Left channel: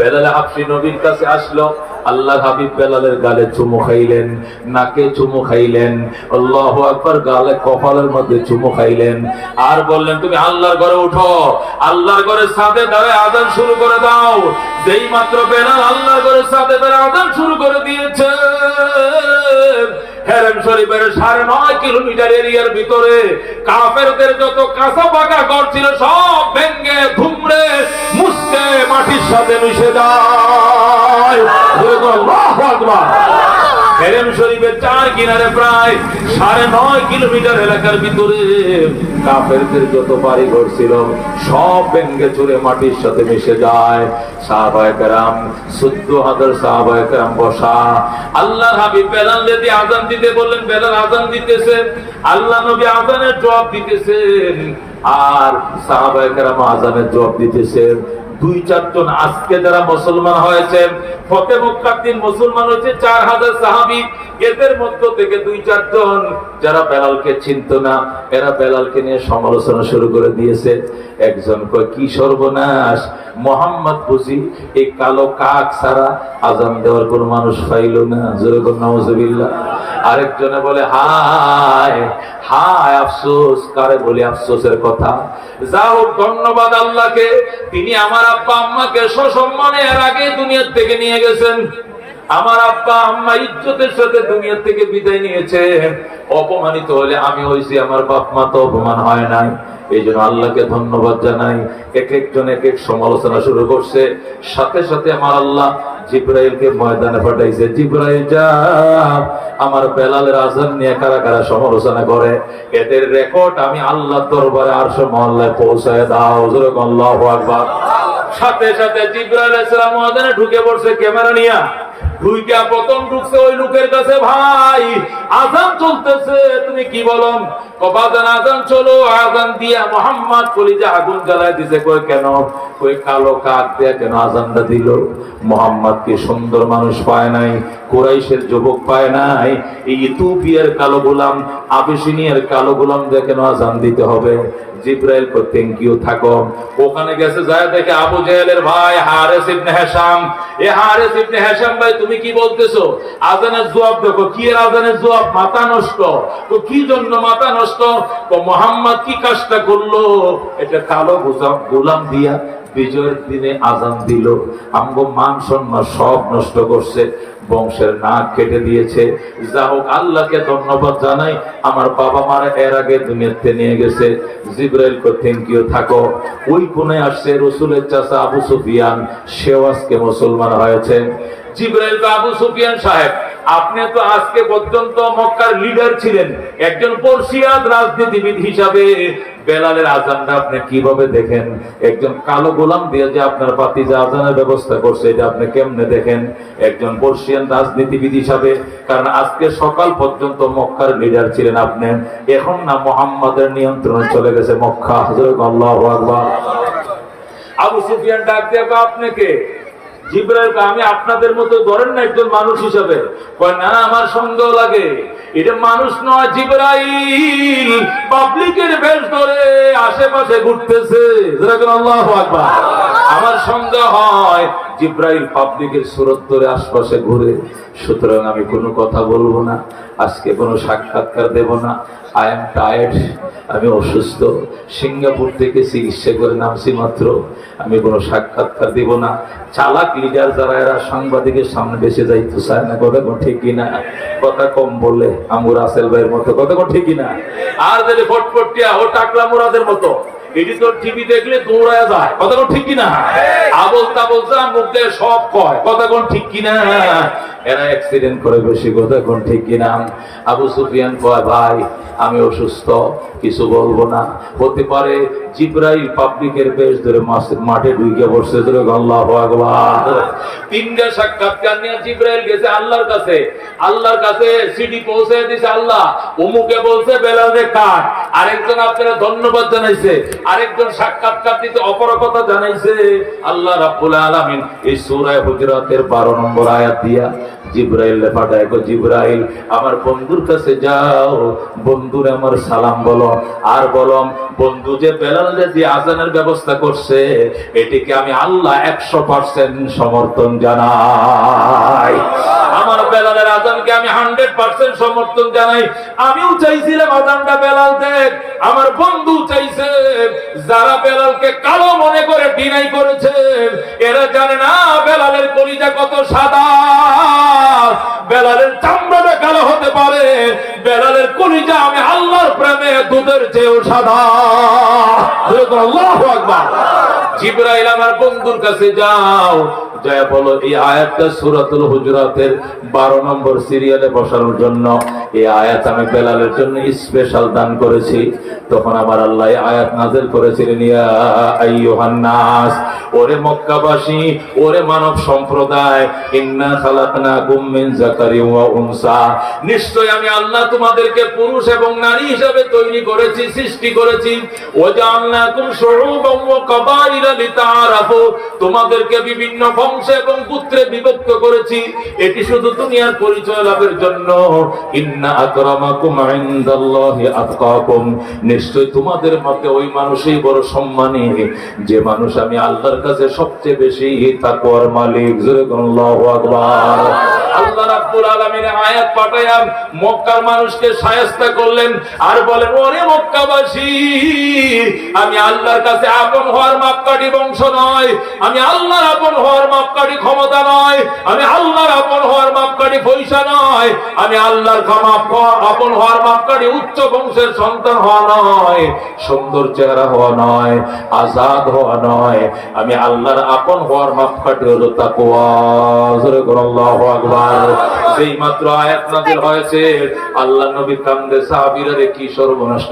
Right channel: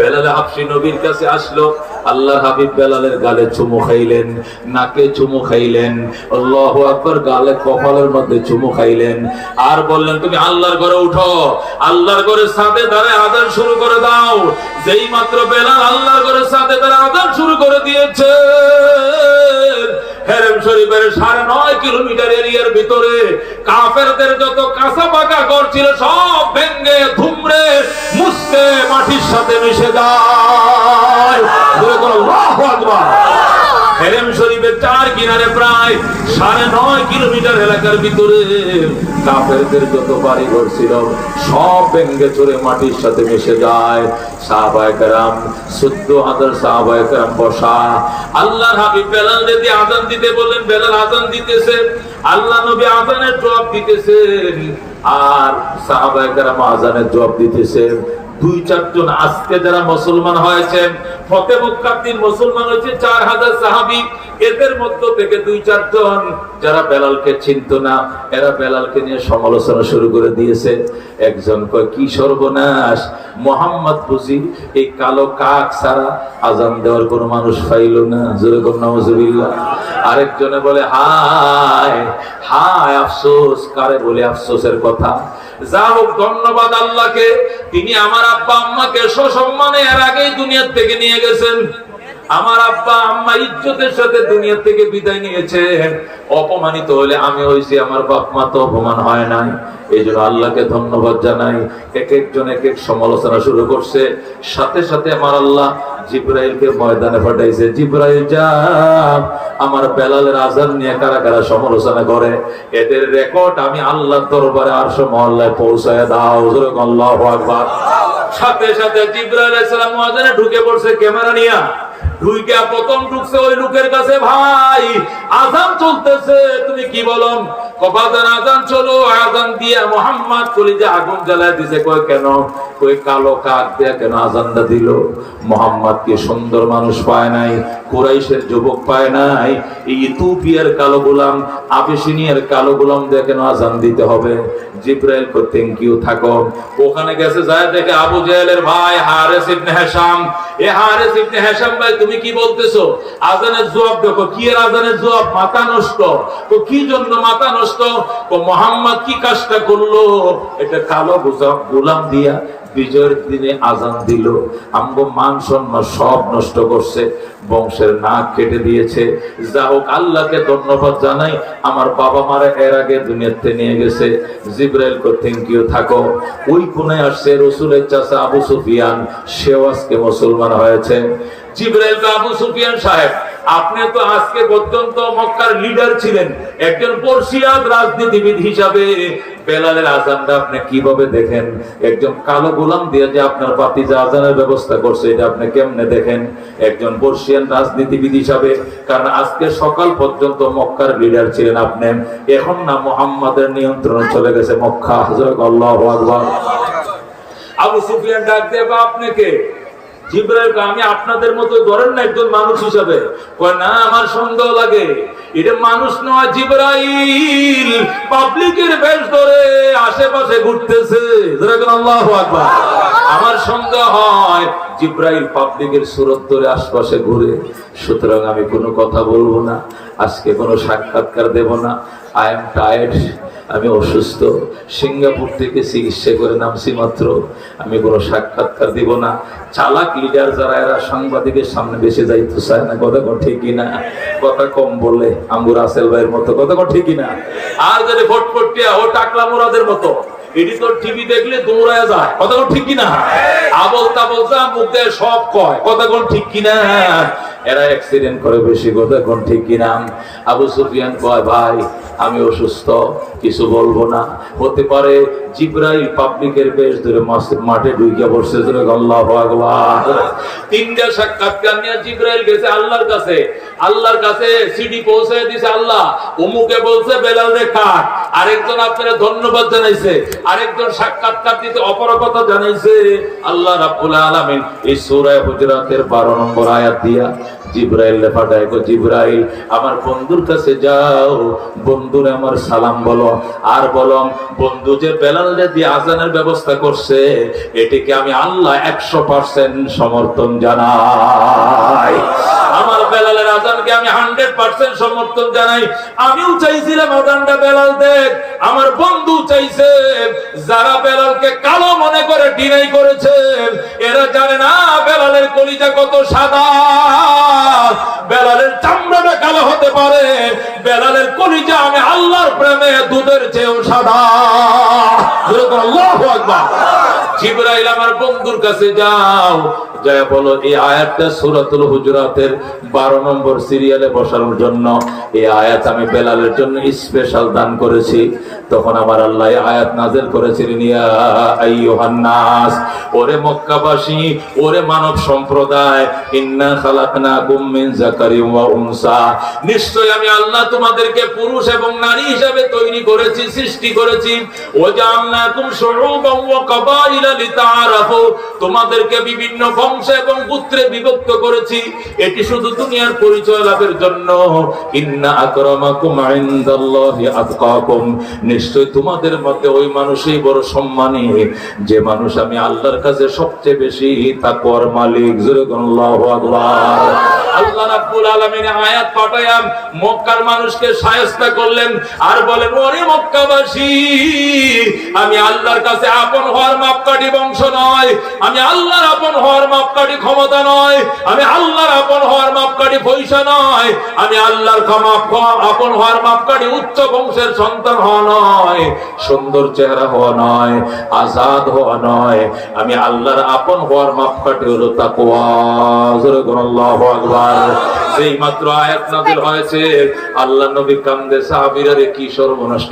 বেলাল আপনি নবীর কাছে আসলো। আল্লাহ হাবিব বেলালের গালে চুমু খাইলেন, নাকে চুমু খাইলেন, আল্লাহ আকবার গালে কপালের মধ্যে চুমু খাইলেন। আর বললেন, তুমি আল্লাহর ঘরে উঠো, আল্লাহর ঘরে সাথে দাঁড়ায় আদান শুরু করে দাও যেই মাত্র বেলাল আল্লাহ করে সাথে বেলা আদান শুরু করে দিয়েছে সাড়ে নয় কিলোমিটার এরিয়ার ভিতরে ঘর ছিল সব মাটির সাথে মিশে যায়। হেরেম শরীফের চার কিনারে প্রায় সাড়ে নয় কিলোমিটার এলাকার ভিতরে কাফেরদের যত বাড়ি ঘর ছিল, সব ভেঙ্গে চড়ে মাটির সাথে মিশে যায়। আর সাহাবায়ে কেরাম আজানের জবাব দিতেছেন। দুই চারজন আজকে যারা মুসলমান হয়েছেন, ফতে মক্কার দিন মুসলমান হয়েছে, চার হাজার সাহাবি। এদের মধ্য থেকে দুই চারজন যারা বেলালকে চিনত না, এরা বেলালকে নিয়ে সমালোচনা শুরু করে দিয়েছে। একজন কয়, কি সর্বনাশ, মোহাম্মদ বুঝি, এই কালো কাক ছাড়া আজান দেওয়ার কোনো মানুষ পাইল না যেরকম নাউজুবিল্লাহ। আরেকজনে বলে, হায় হায়, আফসোস, কারে বলে আফসোসের কথা? যা হোক ধন্যবাদ আল্লাহকে, তিনি আমার আব্বা আম্মাকে সসম্মানে এর আগে দুনিয়ার থেকে নিয়ে গেছেন। আমার আব্বা আম্মা ইজ্জতের সাথে দুনিয়া থেকে বিদায় নিয়েছে। অপমানিত হলে আমি হয়েছি আমার বাপ মা তো অপমান হয় নাই। এই জন্য আল্লাহকে ধন্যবাদ জানাই। এক একজন এক এক সমালোচনা শুরু করছে। সাথে সাথে আমার আল্লাহ জিব্রাইলকে ময়দানে পাঠাইছে। জিব্রাইল, যা, আমার বেলালের আজান নিয়ে কারা কারা সমালোচনা করে? এদের রেকর্ড আমি আল্লাহ দরবারে আর মহল্লায় পৌঁছায় দাও। আল্লাহ সাথে সাথে জিব্রাইল আলাইহিস সালাম ময়দানে ঢুকে পড়ছে ক্যামেরা নিয়া। প্রথম ঢুকছে ওই লোকের কাছে ভাই আজান চলতেছে তুমি কি বলন? কবাদান আজান চলো, আজান দিয়া মোহাম্মদ কলিজা আগুন জ্বালায় দিছে। কই কেন? কই কালো কাক দিয়া কেন আজানটা দিল? মোহাম্মদ কি সুন্দর মানুষ পায় নাই, কুরাইশের যুবক পায় নাই। এই ইথিওপিয়ার কালো গোলাম আবিসিনিয়ার কালো গোলাম দিয়ে কেন আজান দিতে হবে? জিব্রাইল কো থ্যাংক ইউ থাকো। ওখানে গেছে, যায় দেখে আবু জেহেলের ভাই হারেস ইবনে হিশাম। এ হারেস ইবনে হিশাম ভাই, তুমি কি বলতেছো? আজানের জবাব দেখো, কি এর আজানের জবাব? মাথা নষ্ট। তো কি জন্য মাথা নষ্ট? তো মোহাম্মদ কি কাজটা করল? এটা কালো গোলাম দিয়া বিজয়ের দিনে আজান দিল। আমগো মান সব নষ্ট করছে, বংশের নাক কেটে দিয়েছে। যা হোক, আল্লাহকে ধন্যবাদ জানাই, আমার বাবা মারা এর আগে দুনিয়াতে নিয়ে গেছে। জিব্রাইল থ্যাংক ইউ থাকো। ওই আসছে রসুলের চাচা আবু সুফিয়ান, সেও আজকে মুসলমান হয়েছে জিব্রাইল আবু সুফিয়ান সাহেব আপনি তো আজকে পর্যন্ত মক্কার লিডার ছিলেন। একজন পর্ষিয়াদ রাজনীতিবিদ হিসাবে বেলালের আজানটা আপনি কীভাবে দেখেন? একজন কালো গোলাম দিয়ে যে আপনার বাতিজা আজানের ব্যবস্থা করছে এটা আপনি কেমনে দেখেন? একজন পর্ষিয়ান রাজনীতিবিদ হিসাবে কারণ আজকে সকাল পর্যন্ত মক্কার লিডার ছিলেন আপনি। এখন না মোহাম্মদের নিয়ন্ত্রণ চলে গেছে মক্কা। হযরত আল্লাহু আবু সুফিয়ান ডাক দিয়ে কয়, আপনি কে জিব্রাইল আমি আপনাদের মতো ধরেন না একজন মানুষ হিসাবে। না, আমার সন্দেহ লাগে। এটা মানুষ নয়, জিব্রাইল। পাবলিকের বেশ ধরে আশেপাশে ঘুরতেছে। আল্লাহু আকবার। আমার সন্দেহ হয়, জিব্রাইল পাবলিকের সুরত ধরে আশপাশে ঘুরে। সুতরাং আমি কোনো কথা বলব না, আজকে কোনো সাক্ষাৎকার দেব না। আই এম টায়ার্ড আমি অসুস্থ। সিঙ্গাপুর থেকে চিকিৎসা করে নামছি মাত্র। আমি কোনো সাক্ষাৎকার দিব না। চালাক লিডার যারা, এরা সাংবাদিকের সামনে বেশি যাইতে চায় না। কথা কোন ঠিক না কথা কম বলে আঙ্গুর আসেল ভাইয়ের মতো। কথা কোন ঠিক না আর যদি ভোট ফটফটিয়া ও টাকলা মুরাদের মতো। এটি তো টিভি দেখলে যায়। কথা ঠিক এরা বেশি, কথা আমি অসুস্থ, কিছু বলব না। হতে পারে জিব্রাইল পাবলিকের বেশ ধরে মাঠে ঢুকে বসছে ধরে আল্লাহ ভগবান তিনটা সাক্ষাৎকার নিয়ে জিব্রাইল গেছে আল্লাহর কাছে। আল্লাহর কাছে সিডি পৌঁছে দিছে আল্লাহ। অমুকে বলছে, বেলাল রে আরেকজন আপনারা ধন্যবাদ জানাইছে, আরেকজন সাক্ষাৎকার দিতে অপরকতা জানাইছে। আল্লাহ রাব্বুল আলামিন এই সূরা হুজরাতের 12 নম্বর আয়াত দিয়া, জিব্রাইল পাঠায় জিব্রাইল, আমার বন্ধুর কাছে যাও, বন্ধুরে আমার সালাম বলো। আর বলো, বন্ধু যে বেলাল দিয়ে আজানের ব্যবস্থা করছে, এটিকে আমি আল্লাহ একশো পার্সেন্ট সমর্থন জানাই। আজানকে আমি হান্ড্রেড পার্সেন্ট সমর্থন জানাই। আমিও চাইছিলাম আজানটা বেলাল দেখ আমার বন্ধু চাইছে যারা বেলালকে কালো মনে করে ডিনাই করেছেন, এরা জানে না বেলালের কলিজা কত সাদা। বেলালের চামড়াটা কালো হতে পারে। বেলালের কলিজা আমি আল্লাহর প্রেমে দুধের চেয়েও সাদা। আল্লাহু আকবার। জিব্রাইল আমার বন্ধুর কাছে যাও। যা বলো, এই আয়াতটা সূরাতুল হুজুরাতের 12 নম্বর সিরিয়ালে বসানোর জন্য। এই আয়াত আমি বেলালের জন্য স্পেশাল দান করেছি। তখন আমার আল্লাহ আয়াত নাযিল করেছিলেন, ইয়া আইয়ুহান নাস, ওরে মক্কাবাসী, ওরে মানব সম্প্রদায়, ইন্না খালাকনাকুম মিন যাকারিন ওয়া উনসা। নিশ্চয় আমি আল্লাহ তোমাদেরকে পুরুষ এবং নারী হিসেবে তৈরি করেছি, সৃষ্টি করেছি। ও জাআলনাকুম শুউবান ওয়া কাবাইলা লিতাআরাফু। তোমাদেরকে বিভিন্ন বংশ এবং পুত্রে বিভক্ত করেছি, এটি শুধু দুনিয়ার পরিচয় লাভের জন্য। ইন্না আকরামাকুম ইনদাল্লাহি আতকাকুম। নিশ্চয় তোমাদের মতে ওই মানুষই বড় সম্মানী। যে মানুষ আমি আল্লাহর কাছে সবচেয়ে বেশি তাকওয়ার মালিক, জোরে আল্লাহু আকবার। আল্লাহ রাব্বুল আলামিন আয়াত পাঠায়া মক্কার মানুষকে শায়েস্তা করলেন আর বলেন, ওরে মক্কাবাসী, আমি আল্লাহর কাছে আপন হওয়ার মাপকাঠি বংশ নয়, আমি আল্লাহর আপন হওয়ার মাপকাঠি ক্ষমতা নয়, আমি আল্লাহর আপন হওয়ার মাপকাঠি পয়সা নয়, আমি আল্লাহর আপন হওয়ার মাপকাঠি উচ্চ বংশের সন্তান হওয়া নয়, সুন্দর চেহারা হওয়া নয়, আজাদ হওয়া নয়, আমি আল্লাহর আপন হওয়ার মাপকাঠি হলো তাকওয়া। আল্লাহু আকবার। যেই মাত্র আয়াত নাজিল হয়েছে। আল্লাহ নবী কান্দে সাহাবীরা কি সর্বনষ্ট